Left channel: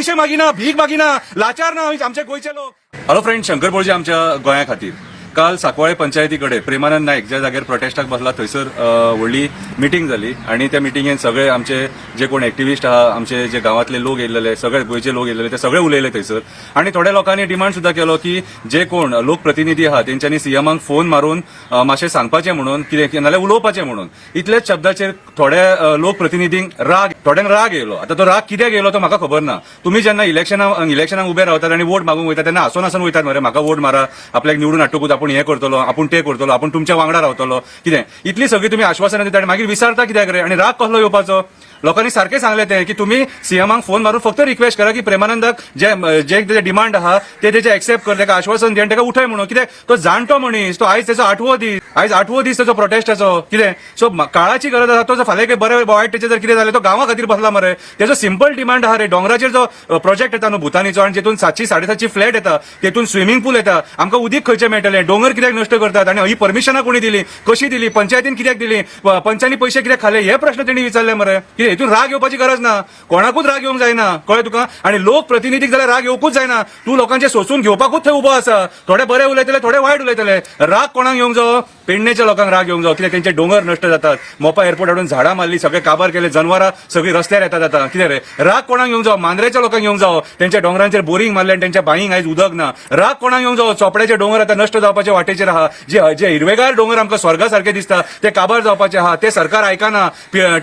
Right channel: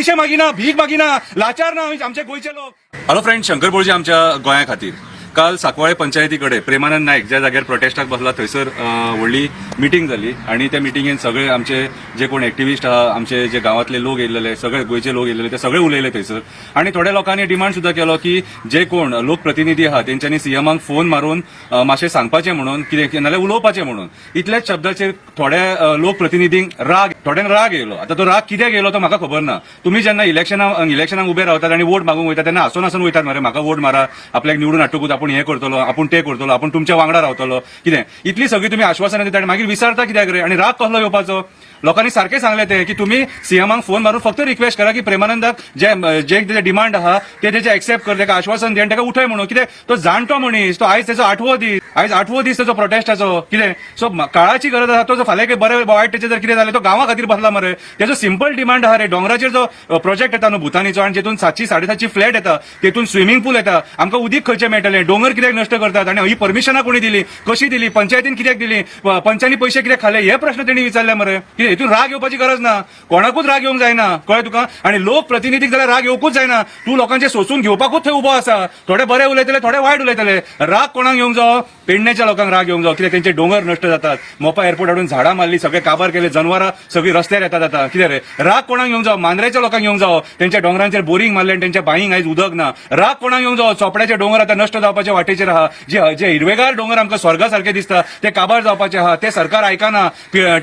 पैसे मागिना, भीक मागिना, लाचार ना आमचे गोयचे लोक. हॅलो फ्रेंड, शंकर बोळजे आमच्या गोंया खातीर काल सांकवाळे पंचायती प्रेमानंद नायक ज्या जाग्यार प्रोटेस्टाक बसला थंयसर व्हडली मिटींग जाली आणि त्या मिटींगेन सगळे आमचे जे कोण एक्टिविस्ट आहा, आमचे जे गांवांतले लोक येयलेले, सगळे गोंयचे लोक येयलेले, ते सगळे उलयले थंयसर. आणि थोड्या लोकांनी डिमांड सुद्धा केलो की जे कोण लोकप्रतिनिधी आहा तेंच्यांनी सीएमाक फोन मारून मातशें सांगपाचें म्हणून, कितें नाल्यार उलोवपाचें म्हणून. इतलेच शब्दाचेर थोड्या लोकप्रतिनिधींक थोड्यांक राग येयलो. आता तो राग कित्याक येयलो तो म्हाका खबर ना. तुम्ही जेन्ना इलेक्शनाक उबे रावतात आणि वोट मागूंक वयता तेन्ना हसून वयतात मरे, म्हाका वोट मारा, आपल्याक निवडून हाडटकूच आपण हे करतलो, आपण ते करतलो, आपण तुमच्या वांगडा रावतलो, कितें इतली सगळी तुम्ही आश्वासनां दिता आणि मागीर विचारता कित्याक रे. आणि राग कसलो येवपाचो. लोकांनी सारखे सांगले ते की तुम्ही सीएमाक फोन मारून फक्त रिक्वेस्ट करा की प्रेमानंदाक जे डिमांड आहा ते तेचे एक्सेप्ट कर, तेका आश्वासन दिवन तेका उठय म्हणून. कित्याक तो जाणटो मनीस, तो आयज त्याचो 8वो दीस त्याचो प्रोटेस्टाचो. कितें सो काळाची गरज आहा. तो जर फाल्यां बरे वायट तेचे जर कितें जालें तो गांवा खातीर बसला मरे. त्याचो सिंपल डिमांड आहा रे. डोंगराचेर जो प्रोजेक्ट येता न्हू भुतानीचो आणि जितून 700-750 फ्लॅट येता, तेतून स्विमींग पूल येता, आमकां उदीक खंयचे मेळटलें, डोंगर कित्याक नश्ट करतात आणि ही परमिशनां कोणी दिली, कशी दिली, पंचायतीन कित्याक दिली, पंचांनी पैसे कित्याक खाले, हे प्रश्न तेणी विचारले मरे. कितें हितून राग येवपाची गरज ना, कोणाकूच राग येवंक जायना, कळ्ळें तुका. आणि लोक प्रतिनिधीक जाल्यार राग येवकूच जायना. तूं लोकांचे सोसून घेवपाकूच थंय उबो आसा. थोडे बरे उलयतले, थोडे वायट उलयतले. राग कोणाक येवंक जावो? पेडणेच्या लोकांक राग येवंक जावो, कित्याक तेंचे डोंगर नश्ट जातात. मोपा एअरपोर्ट हाडून झाडां मारली, सगळे काबार केले, जनवरां सगळी रस्त्यार येतात. आता कितें रे. राग कोणाक येवंक जावो? मांद्रेच्या लोकांक येवंक जावो, त्यांच्या डोंगरांचेर बोरिंग मारले आणि त्यांच्या बांयीक आयज उदक ना. राग कोणाक येवंक जावो? चोपड्याचे डोंगर आता नश्ट जावपाच्या वाटेचेर आहा. जे हिरवेगार डोंगर आमकां स्वर्गा सारखे दिसता ते काबार जावपाचे आहा. ते सरकार आयकना,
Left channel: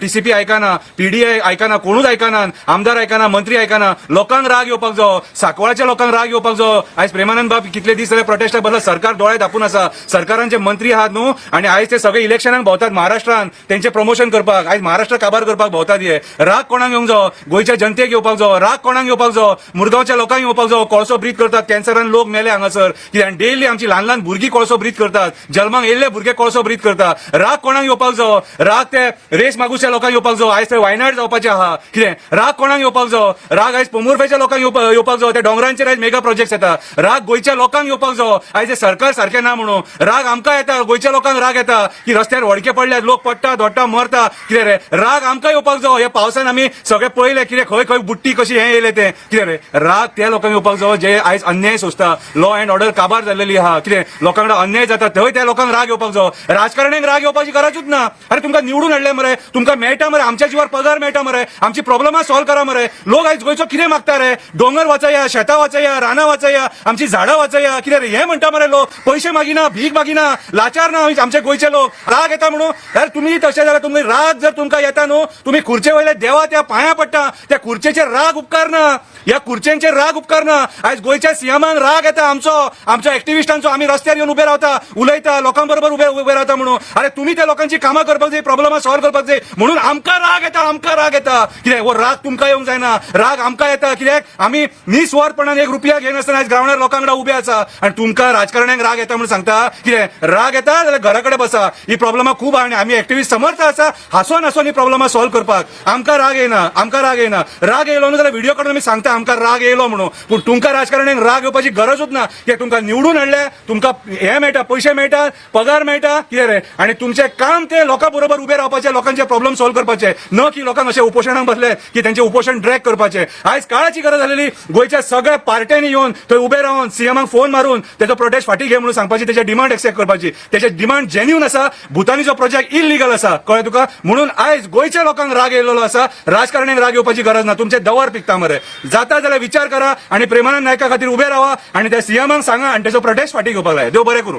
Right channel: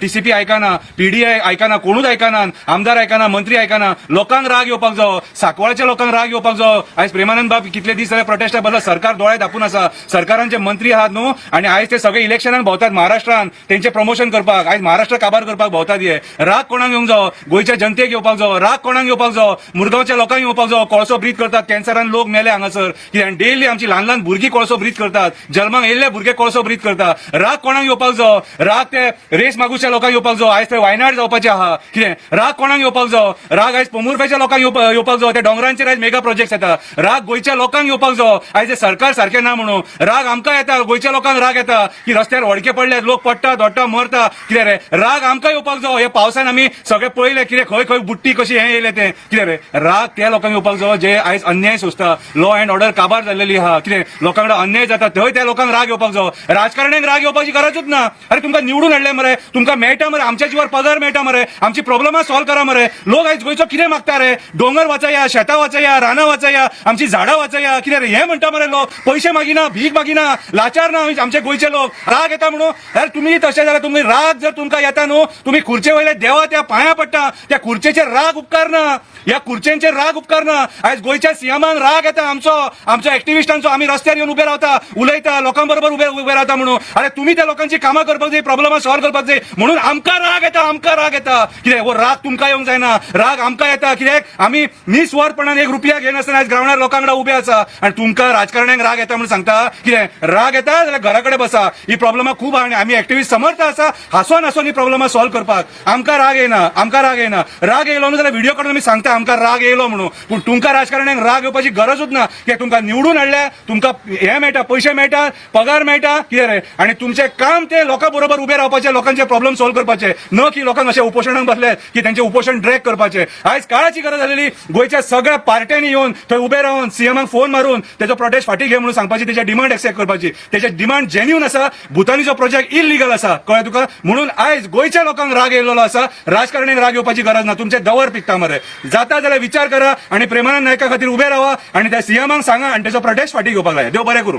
टीसीपी आयकना, पीडीआय आयकना, कोणूच आयकना, आमदार आयकना, मंत्री आयकना. लोकांक राग येवपाक जावो, सांकवाळच्या लोकांक राग येवपाक जावो. आयज प्रेमानंद बाब कितले दीस जाले प्रोटेस्टाक बसला, सरकार दोळे धापून आसा. सरकारांचे मंत्री आहात न्हू आणि आयज ते सगळे इलेक्शनाक भोंवतात महाराष्ट्रान तेंचे प्रमोशन करपाक, आयज महाराष्ट्र काबार करपाक भोंवतात. हे राग कोणाक येवंक जावो? गोंयच्या जनतेक येवपाक जावो. राग कोणाक येवपाक जावो? मुरगांवच्या लोकांक येवपाक जावो. कोळसो ब्रीथ करतात, कॅन्सरान लोक मेले हांगासर. कित्याक डेली आमची ल्हान ल्हान भुरगीं कोळसो ब्रीथ करतात, जल्माक येयल्ले भुरगे कोळसो ब्रीथ करतात. राग कोणाक येवपाक जावो? राग ते रेस मागूच्या लोकांक येवपाक जावो. आयज ते वायनाड जावपाचे आहा. कितें राग कोणाक येवपाक जावो? राग आयज पोमुरपेच्या लोकांक येवपाक जावो. त्या डोंगरांचेर आयज मेगा प्रोजेक्ट जाता. राग गोंयच्या लोकांक येवपाक जावो. आयज सरकार सारखें ना म्हणून राग आमकां येता, गोंयच्या लोकांक राग येता की रस्त्यार व्हडके पडले, लोक पडटा, धोडटा, मरता. कितें रे. राग आमकां येवपाक जावो. हे पावसान आमी सगळे पळयले, कितें खंय खंय बुट्टी कशी हे येयले ते. कितें रे. राग त्या लोकांक येवपाक जावो जे आयज अन्याय सोंसता, लॉ अँड ऑर्डर काबार जाल्लेली आहा. कितें लोकांकडे अन्याय जाता थंय त्या लोकांक राग येवपाक जावो. राजकारण्याक राग येवपाची गरजूच ना. अरे तुमकां निवडून हाडले मरे, तुमकां मेळटा मरे, आमच्या जीवार पगार मेळटा मरे, आमची प्रॉब्लेमां सॉल्व करा मरे. लोक आयज गोंयचो कितें मागता रे? डोंगर वाचया, शेतां वाचया, रानां वाचया, आमची झाडां वाचया. कितें रे हे म्हणटा मरे लोक. पैसे मागिना, भीक मागिना, लाचार ना आमचे गोंयचे लोक. राग येता म्हणून यार तुम्ही तशें जाल्यार तुम्ही राग जर तुमकां येता न्हू, तुम्ही खुर्चे वयले देवा त्या पांया पडटा. त्या खुर्चेचेर राग उपकार ना, या खुर्चेंचेर राग उपकार ना. आयज गोंयच्या सीएमान राग येता आमच्या एक्टिविस्टांचो. आम्ही रस्त्यार येवन उबे रावता, उलयता, लोकांबरोबर उबे रावता म्हणून. अरे तुम्ही त्या लोकांची कामां करपाक जाय, प्रॉब्लेमां सॉल्व करपाक जाय म्हणून आमकां राग येता. कित्याक हो राग तुमकां येवंक जायना, राग आमकां येता. कित्याक आमी निस्वार्थपणान 1 रुपया घेनासतना आयज ग्रावंडार लोकांकडेन उबे आसा. आणि तुमकां राजकारण्यांक राग येता म्हणून सांगता. कित्याक राग येता जाल्यार घरा कडेन बसा. ही प्रॉब्लेमां खूब आहा आणि आमी एक्टिविस्ट समर्थ आसा हांसोन ही प्रॉब्लेमां सॉल्व करपाक. आमकां राग येना. राग येयलो न्हू जाल्यार व्हिडिओ काडून आमी सांगता आमकां राग येयलो म्हणून. पूण तुमकां राजकारण्यांक राग येवपाची गरजूच ना. कित्याक तुमकां निवडून हाडले, तुमकां हे मेळटा, पैसे मेळटा, पगार मेळटा. कितें रे. आणि तुमचें काम ते लोकां बरोबर उबे रावपाचें, लोकांचे प्रॉब्लेम सॉल्व करपाचे, न की लोकांक अशें उपोशणाक बसले की त्यांचे उपोषण ड्रॅग करपाचे. आयज काळाची गरज जालेली. गोंयच्या सगळ्या पार्ट्यांनी येवन थंय उबे रावन सीएमाक फोन मारून तेजो प्रोटेस्ट फाटी घे म्हणून सांगपाची, तेजे डिमांड एक्सेप्ट करपाची. तेजे डिमांड जेन्युइन आसा. भुतानीचो प्रोजेक्ट इलिगल आसा, कळ्ळें तुका. म्हणून आयज गोंयच्या लोकांक राग येयल्लो आसा. राजकारण्यांक राग येवपाची गरज ना. तुमचे दवर पिकता मरे. जाता जाल्यार विचार करा आणि प्रेमानंद नायका खातीर उबे रावा आणि त्या सीएमाक सांगा आणि तेजो प्रोटेस्ट फाटी घेवपाक जाय. देव बरें करूं.